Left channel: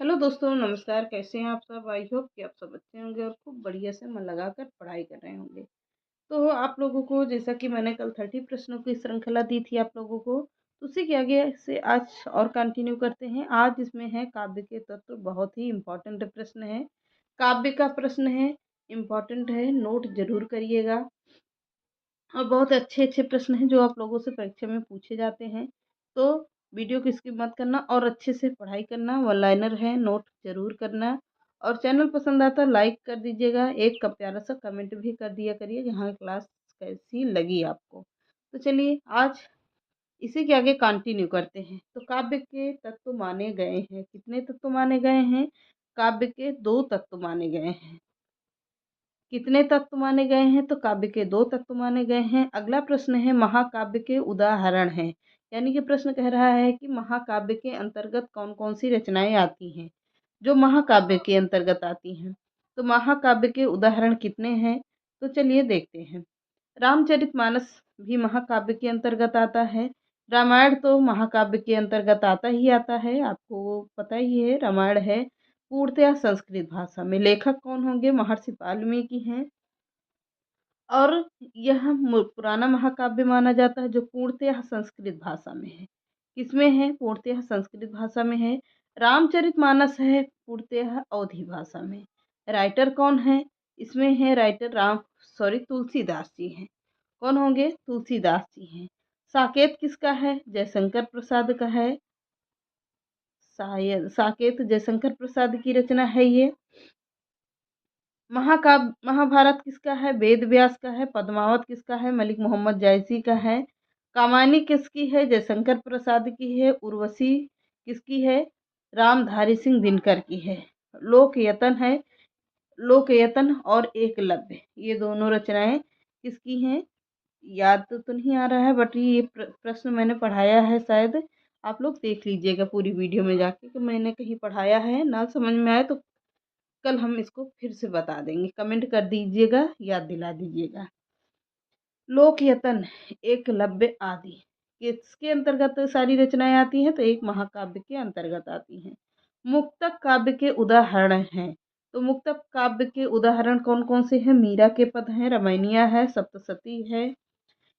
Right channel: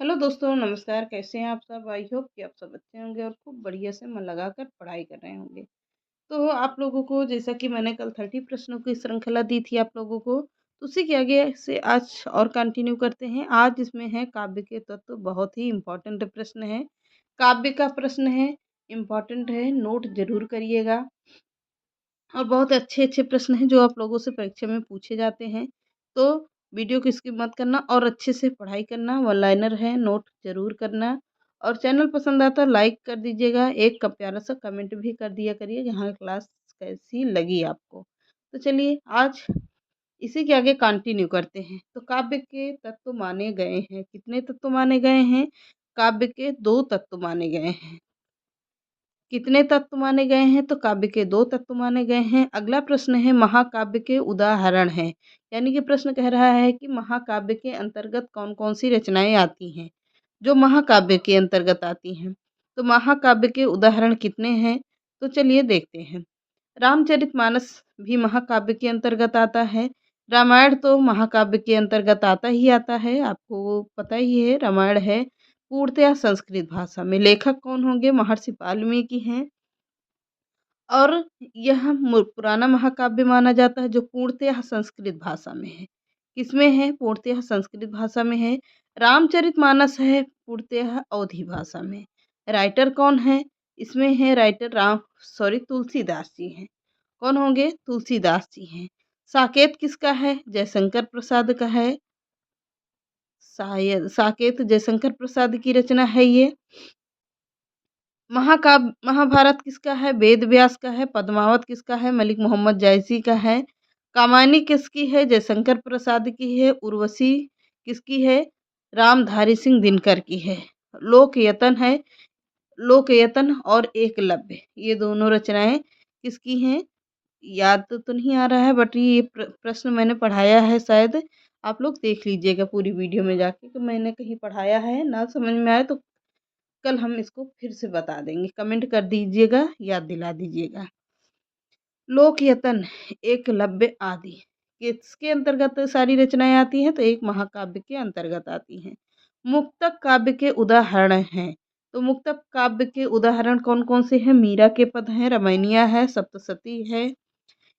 Hello दोस्तों, नमस्कार। कैसे हैं आप सब? आई होप कि आप सब अच्छे होंगे और खूब बढ़िया से मन लगाकर पढ़ाई कर रहे होंगे। तो आप लोगों को जैसा कि मैंने कल 30 प्रश्नों की श्रृंखला दी थी आप लोगों को, तो उसी के आगे से आज और कंटिन्यू करते हैं। आज इसमें है काव्य के तत्व, बहुत ही इम्पोर्टेंट प्रश्न है। काव्य का प्रश्न है, इम्पोर्टेंट है, नोट ज़रूर करिएगा। और बहुत अच्छे-अच्छे प्रश्न हैं जो आप लोगों से परीक्षा में पूछे जाते हैं। तो वीडियो को स्किप मत करना और अच्छे से पढ़ाई करना, वन लाइनर है, नोट ज़रूर करना और चैनल पसंद आता है लाइक कर दीजिएगा, एक का प्यारा-सा कमेंट भी कर दिया करिए यहाँ क्लास कैसी लगी आपको। तो चलिए आज इसी के आगे कंटिन्यू करते हैं। तो काव्य के तत्व माने गए हैं, कितने तत्व माने गए हैं? काव्य के 2 तत्व माने गए हैं। कितने तत्व माने गए हैं? तो काव्य के 2 तत्व माने गए हैं। अगला प्रश्न है महाकाव्य के उदाहरण हैं। यानी कि प्रश्न कह रहा है कि महाकाव्य के अंतर्गत कौन-कौन सी रचनाएँ आती हैं, जो महाकाव्य के अंतर्गत आती हैं। तो महाकाव्य के उदाहरण कितने हैं? तो चलिए देखते हैं। रामचरितमानस भी महाकाव्य के अंतर्गत आता है। रामायण तो महाकाव्य के अंतर्गत आता ही आता है, आपको पता ही है रामायण है पूर्णतया संस्कृत भाषा में। लेखक कौन होंगे? महर्षि वाल्मीकि हैं। और यह पुराना महाकाव्य माना जाता है जो पूर्णतः संस्कृत भाषा में है। किसमें है? पूर्णतः संस्कृत भाषा में है। रामचरितमानस है पूर्णतः अवधी भाषा में। राइटर कौन है? इसमें है राइटर तुलसीदास जी हैं। कौन होंगे? तुलसीदास जी हैं। साकेत किसका है? जयशंकर प्रसाद का है। शायद साकेत जयशंकर प्रसाद की रचना है ये। महाभारत किसका है? वेद व्यास का है। पद्मावत किसका है? मलिक मोहम्मद जायसी का है। कामायनी किसकी है? जयशंकर प्रसाद की है। उर्वशी किसकी है? रामधारी सिंह दिनकर की है। लोकयतन है, लोकयतन और एकलव्य, ये दोनों रचनाएं किसकी हैं? याद तो नहीं आ रहा है, बट ये प्रश्न मैंने पढ़ाया है, शायद आप लोग देख लीजिएगा पूरी वीडियो में जाके कि मैंने कहीं पढ़ाया है। ना समझ में आए तो कल हम इसको फिर से बता देंगे, कमेंट कर दीजिएगा, याद दिला दीजिएगा। लोकयतन, एकलव्य आदि किसके अंतर्गत सारी रचनाएं आती हैं? तो एक महाकाव्य के अंतर्गत आती हैं। मुक्तक काव्य के उदाहरण हैं। तो मुक्तक काव्य के उदाहरण कौन कौन से हैं? मीरा के पद हैं, रामायणिया है, सप्तशती है।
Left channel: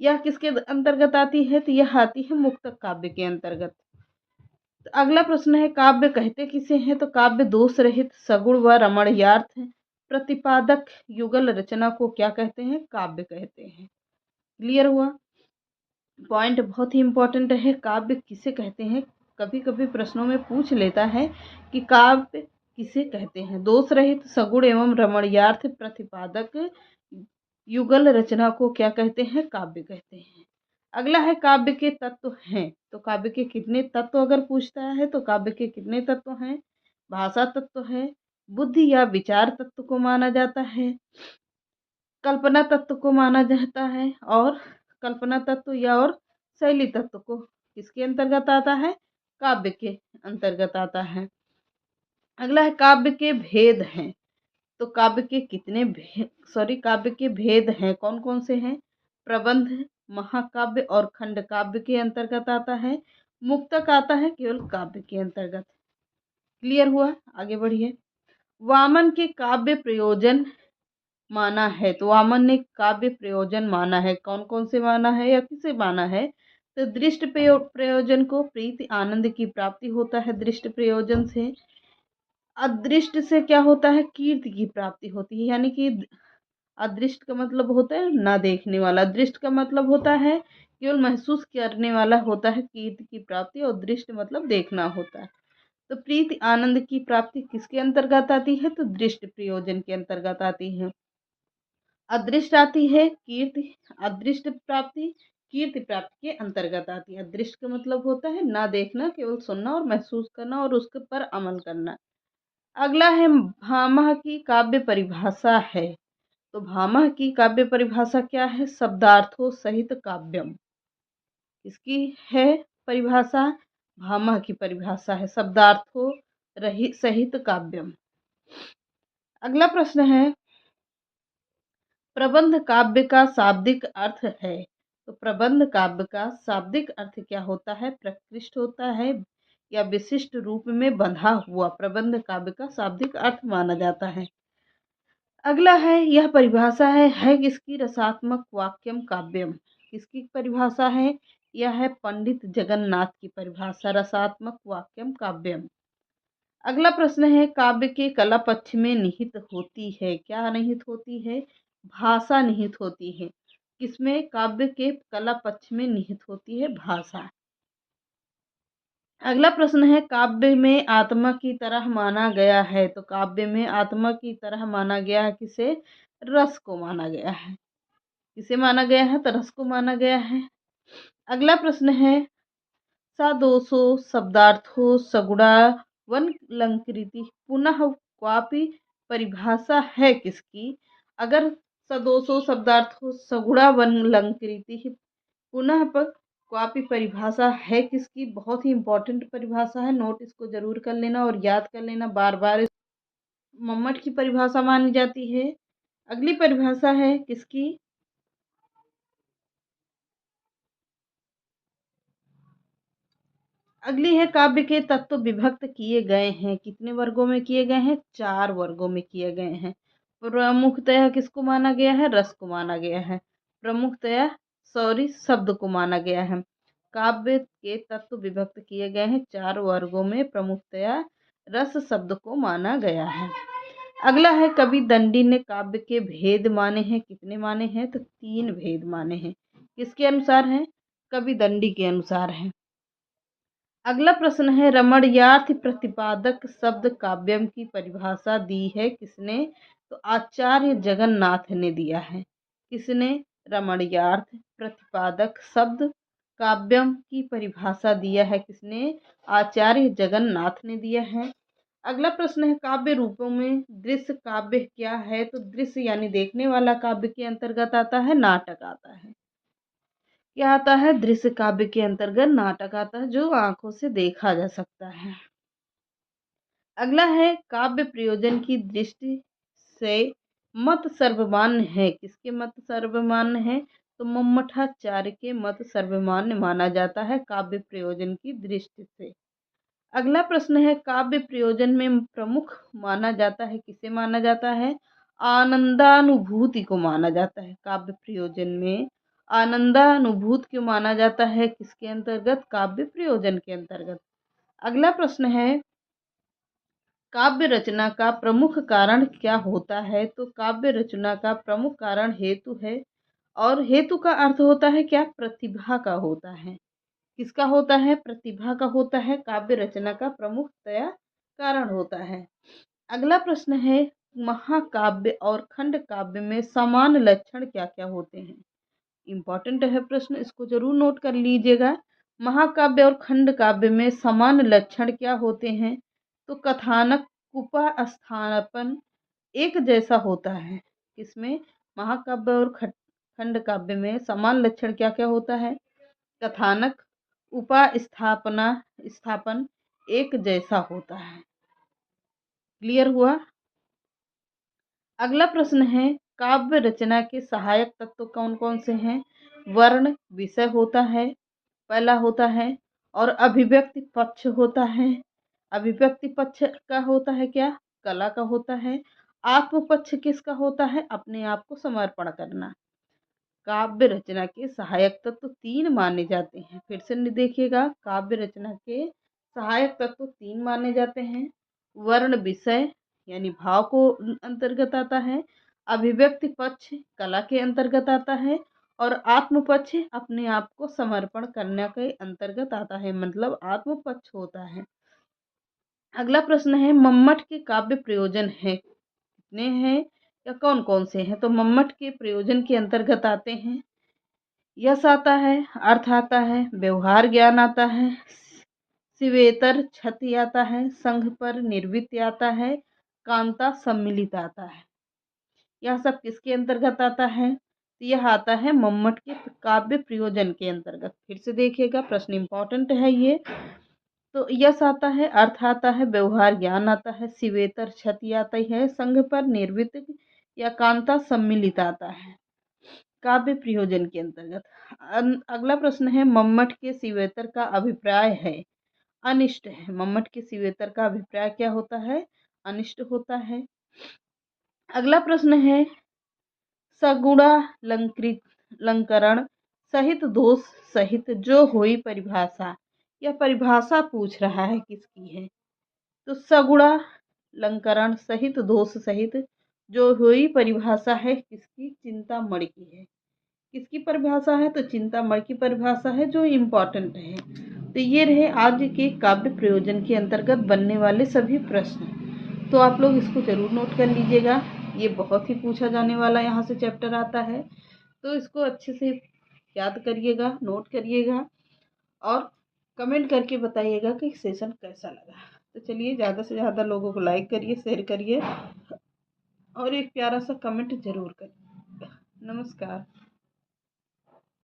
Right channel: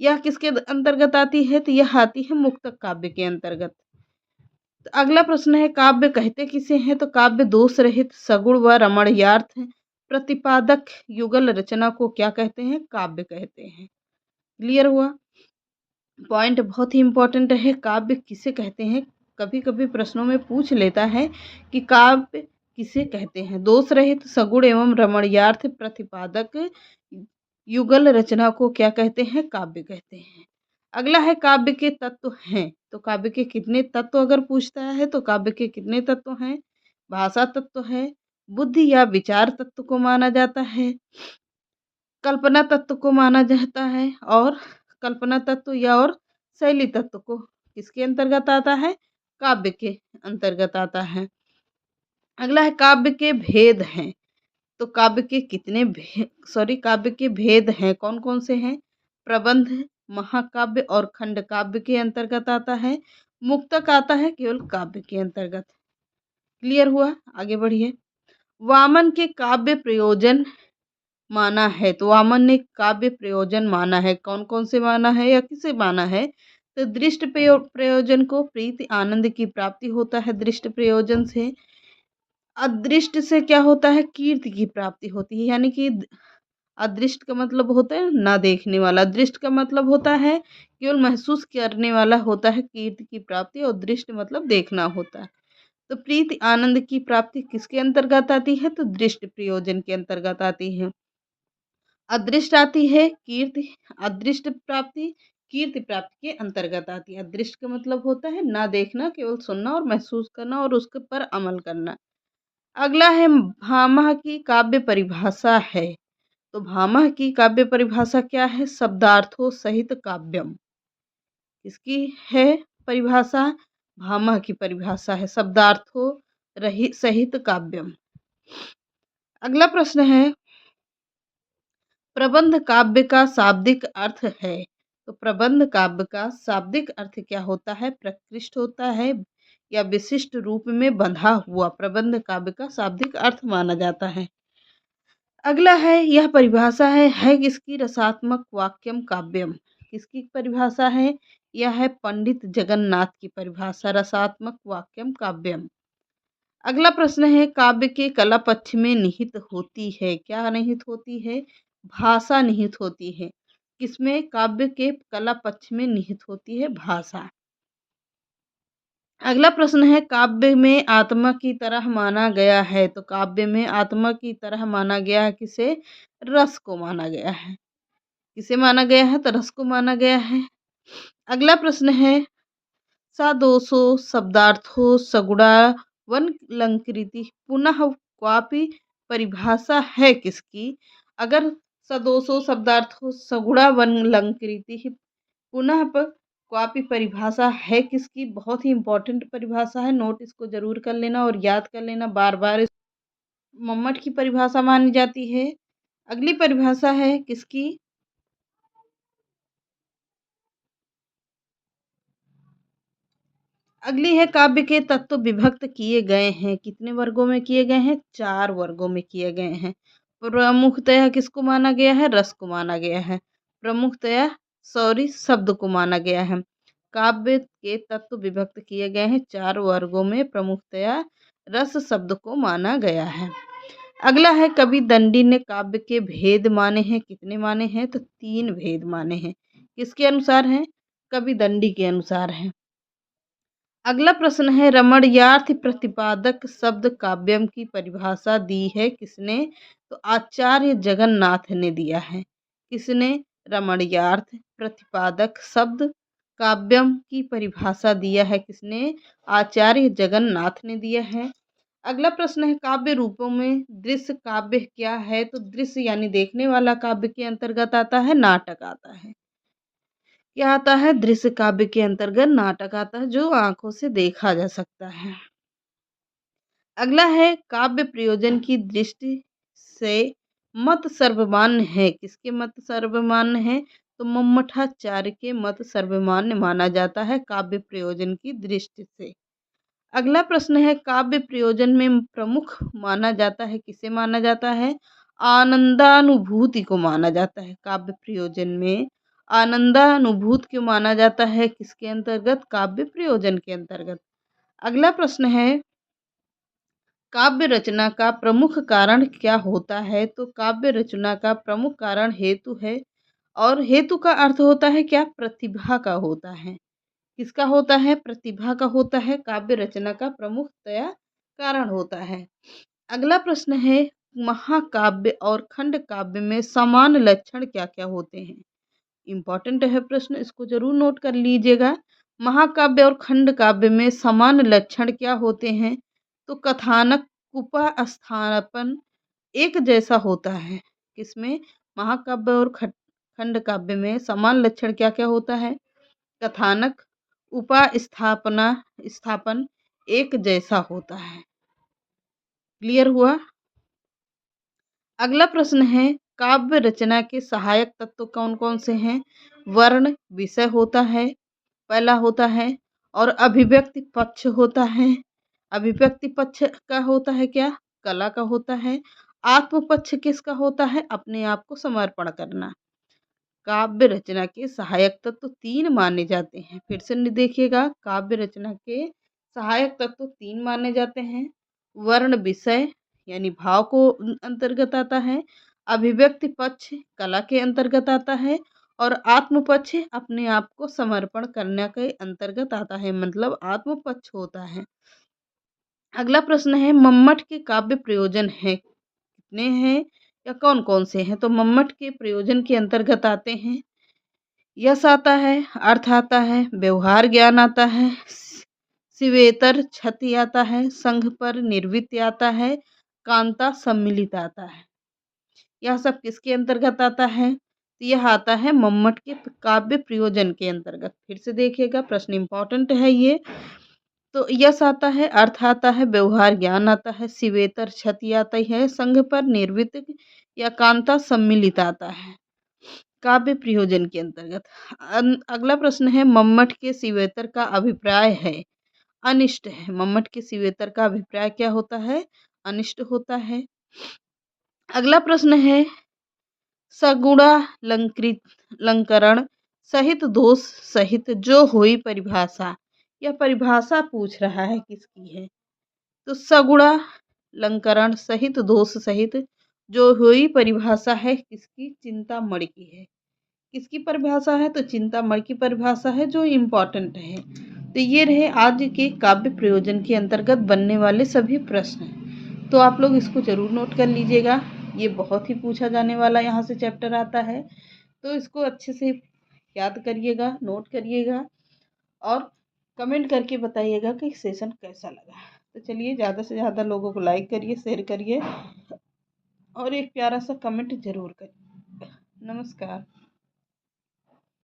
यह किसके अंतर्गत आती है? तो यह आती है मुक्तक काव्य के अंतर्गत। तो अगला प्रश्न है काव्य कहते किसे हैं? तो काव्य दोष रहित सगुण व रमणीयार्थ प्रतिपादक युगल रचना को क्या कहते हैं? काव्य कहते हैं। क्लियर हुआ? पॉइंट बहुत ही इंपॉर्टेंट है। काव्य किसे कहते हैं? कभी कभी प्रश्नों में पूछ लेता है कि काव्य किसे कहते हैं। दोष रहित सगुण एवं रमणीयार्थ प्रतिपादक युगल रचना को क्या कहते हैं? काव्य कहते हैं। अगला है काव्य के तत्व हैं। तो काव्य के कितने तत्व अगर पूछता है तो काव्य के कितने तत्व हैं? भाषा तत्व है, बुद्धि या विचार तत्व को माना जाता है, कल्पना तत्व को माना जाता है और कल्पना तत्व या और शैली तत्व को किसके अंतर्गत आता है? काव्य के अंतर्गत आता है। अगला है काव्य के भेद हैं। तो काव्य के काव्य के भेद हैं, कौन कौन से हैं? प्रबंध, महाकाव्य और खंड काव्य के अंतर्गत आता है। मुक्तक आता है केवल काव्य के अंतर्गत। क्लियर हुआ? आगे बढ़िए। वामन के काव्य प्रयोजन माना है। तो वामन ने काव्य प्रयोजन माना है, कौन कौन से माना है या किसे माना है? तो दृष्ट प्रयोजन को प्रीति आनंद की प्राप्ति होता है दृष्ट प्रयोजन से। अदृष्ट से क्या होता है? कीर्ति की प्राप्ति होती है। यानी कि अदृष्ट का मतलब होता है ना देखने वाला, दृष्ट का मतलब होता है केवल महसूस करने वाला होता है कीर्ति की प्राप्ति, और दृष्ट मतलब देखना होता है। तो प्रीति आनंद की प्राप्ति किसके अंतर्गत आती है? तो दृष्ट प्रयोजन के अंतर्गत आती है। अदृष्ट आती है कीर्ति, अदृष्ट प्राप्ति कीर्ति प्राप्ति के अंतर्गत आती है। अदृष्ट का मतलब होता है ना देखना, केवल सुनना और महसूस करना और उसके पर अमल करना। अगला है भामह की काव्य परिभाषा है। तो भामह की काव्य परिभाषा क्या है? शब्दार्थों सहित काव्यम। इसकी है परिभाषा, भामह की परिभाषा है शब्दार्थों रहित सहित काव्यम। अगला प्रश्न है प्रबंध काव्य का शाब्दिक अर्थ है। तो प्रबंध काव्य का शाब्दिक अर्थ क्या होता है? प्रकृष्ट होता है या विशिष्ट रूप में बंधा हुआ प्रबंध काव्य का शाब्दिक अर्थ माना जाता है। अगला है, यह परिभाषा है किसकी? रसात्मक वाक्यम काव्यम। किसकी परिभाषा है? यह है पंडित जगन्नाथ की परिभाषा, रसात्मक वाक्यम काव्यम। अगला प्रश्न है, काव्य के कला पक्ष में निहित होती है, क्या निहित होती है? भाषा निहित होती है। किसमें? काव्य के कला पक्ष में निहित होती है भाषा। अगला प्रश्न है, काव्य में आत्मा की तरह माना गया है, तो काव्य में आत्मा की तरह माना गया है किसे? रस को माना गया है। किसे माना गया है? तो रस को माना गया है। अगला प्रश्न है, सा दोषो शब्दार्थो सगुणा वन लंकृति पुनः क्वापि परिभाषा है किसकी? अगर सदोषो शब्दार्थो सगुणा वन लंकृति पुनः क्वापि परिभाषा है किसकी? बहुत ही इंपॉर्टेंट परिभाषा है, नोट इसको जरूर कर लेना और याद कर लेना बार बार। मम्मट की परिभाषा मानी जाती है। अगली परिभाषा है किसकी? अगली है, काव्य के तत्व विभक्त किए गए हैं, कितने वर्गों में किए गए हैं? 4 वर्गों में किए गए हैं। प्रमुखतया किसको माना गया है? रस को माना गया है। प्रमुखतया शब्द को माना गया है। काव्य के तत्व विभक्त किए गए हैं 4 वर्गों में, प्रमुखतया रस शब्द को माना गया है। अगला है, कवि दंडी ने काव्य के भेद माने हैं, कितने माने हैं? तो 3 भेद माने हैं। किसके अनुसार है? कवि दंडी के अनुसार है। अगला प्रश्न है, रमणीयार्थ प्रतिपादक शब्द काव्यम की परिभाषा दी है किसने? तो आचार्य जगन्नाथ ने दिया है। किसने? रमणीयार्थ प्रतिपादक शब्द काव्यम की परिभाषा दिया है किसने? आचार्य जगन्नाथ ने दिया है। अगला प्रश्न है, काव्य रूपों में दृश्य काव्य क्या है? तो दृश्य यानी देखने वाला काव्य के अंतर्गत आता है, नाटक आता है। क्या आता है? दृश्य काव्य के अंतर्गत नाटक आता है, जो आंखों से देखा जा सकता है। अगला है, काव्य प्रयोजन की दृष्टि से मत सर्वमान्य है, किसके मत सर्वमान्य है? तो मम्मठाचार्य के मत सर्वमान्य माना जाता है काव्य प्रयोजन की दृष्टि से। अगला प्रश्न है, काव्य प्रयोजन में प्रमुख माना जाता है, किसे माना जाता है? आनंदानुभूति को माना जाता है। काव्य प्रयोजन में आनंदानुभूति क्यों माना जाता है? किसके अंतर्गत? काव्य प्रयोजन के अंतर्गत। अगला प्रश्न है, काव्य रचना का प्रमुख कारण क्या होता है? तो काव्य रचना का प्रमुख कारण हेतु है, और हेतु का अर्थ होता है क्या? प्रतिभा का होता है। किसका होता है? प्रतिभा का होता है, काव्य रचना का प्रमुखतया कारण होता है। अगला प्रश्न है, महाकाव्य और खंड काव्य में समान लक्षण क्या क्या होते हैं? इम्पॉर्टेंट है प्रश्न, इसको जरूर नोट कर लीजिएगा। महाकाव्य और खंड काव्य में समान लक्षण क्या होते हैं? तो कथानक उपस्थापन एक जैसा होता है। किसमें? महाकाव्य और खंड काव्य में समान लक्षण क्या क्या होता है? कथानक उपस्थापना स्थापन एक जैसा होता है। क्लियर हुआ? अगला प्रश्न है, काव्य रचना के सहायक तत्व कौन कौन से हैं? वर्ण विषय होता है, पहला होता है, और अभिव्यक्ति पक्ष होता है। अभिव्यक्ति पक्ष का होता है क्या? कला का होता है। आत्म पक्ष किसका होता है? अपने आप को समर्पण करना। काव्य रचना के सहायक तत्व 3 माने जाते हैं। फिर से देखिएगा, काव्य रचना के सहायक तत्व 3 माने जाते हैं। वर्ण विषय यानी भाव को अंतर्गत आता है, अभिव्यक्ति पक्ष कला के अंतर्गत आता है, और आत्म पक्ष अपने आप को समर्पण करने के अंतर्गत आता है, मतलब आत्म पक्ष होता है। अगला प्रश्न है, मम्मट के काव्य प्रयोजन है कितने हैं या कौन कौन से हैं? तो मम्मट के प्रयोजन के अंतर्गत आते हैं, यश आता है, अर्थ आता है, व्यवहार ज्ञान आता है, शिवेतर क्षति आता है, संघ पर निर्वृत्ति आता है, कांता सम्मिलित आता है। यह सब किसके अंतर्गत आता है? तो यह आता है मम्मट के काव्य प्रयोजन के अंतर्गत। फिर से देखिएगा, प्रश्न इंपॉर्टेंट है ये। तो यश आता है, अर्थ आता है, व्यवहार ज्ञान आता है, शिवेतर क्षति आती है, संघ पर निर्वृत्त या कांता सम्मिलित आता है काव्य प्रयोजन के अंतर्गत। अगला प्रश्न है, मम्मट के शिवेतर का अभिप्राय है अनिष्ट है। मम्मट के शिवेतर का अभिप्राय क्या होता है? अनिष्ट होता है। अगला प्रश्न है सगुणालंकरण सहित दोष सहित जो हुई परिभाषा। यह परिभाषा पूछ रहा है किसकी है? तो सगुणालंकरण सहित दोष सहित जो हुई परिभाषा है किसकी? चिंतामणि की है। किसकी परिभाषा है? तो चिंतामणि की परिभाषा है, जो इम्पोर्टेंट है। तो ये रहे आज के काव्य प्रयोजन के अंतर्गत बनने वाले सभी प्रश्न। तो आप लोग इसको ज़रूर नोट कर लीजिएगा। ये बहुत ही पूछा जाने वाला यहाँ से चैप्टर आता है, तो इसको अच्छे से याद करिएगा, नोट करिएगा और कमेंट करके बताइएगा कि सेशन कैसा लगा। तो चलिए, ज़्यादा से ज़्यादा लोगों को लाइक करिए, शेयर करिए और एक प्यारा सा कमेंट ज़रूर करिए। नमस्कार।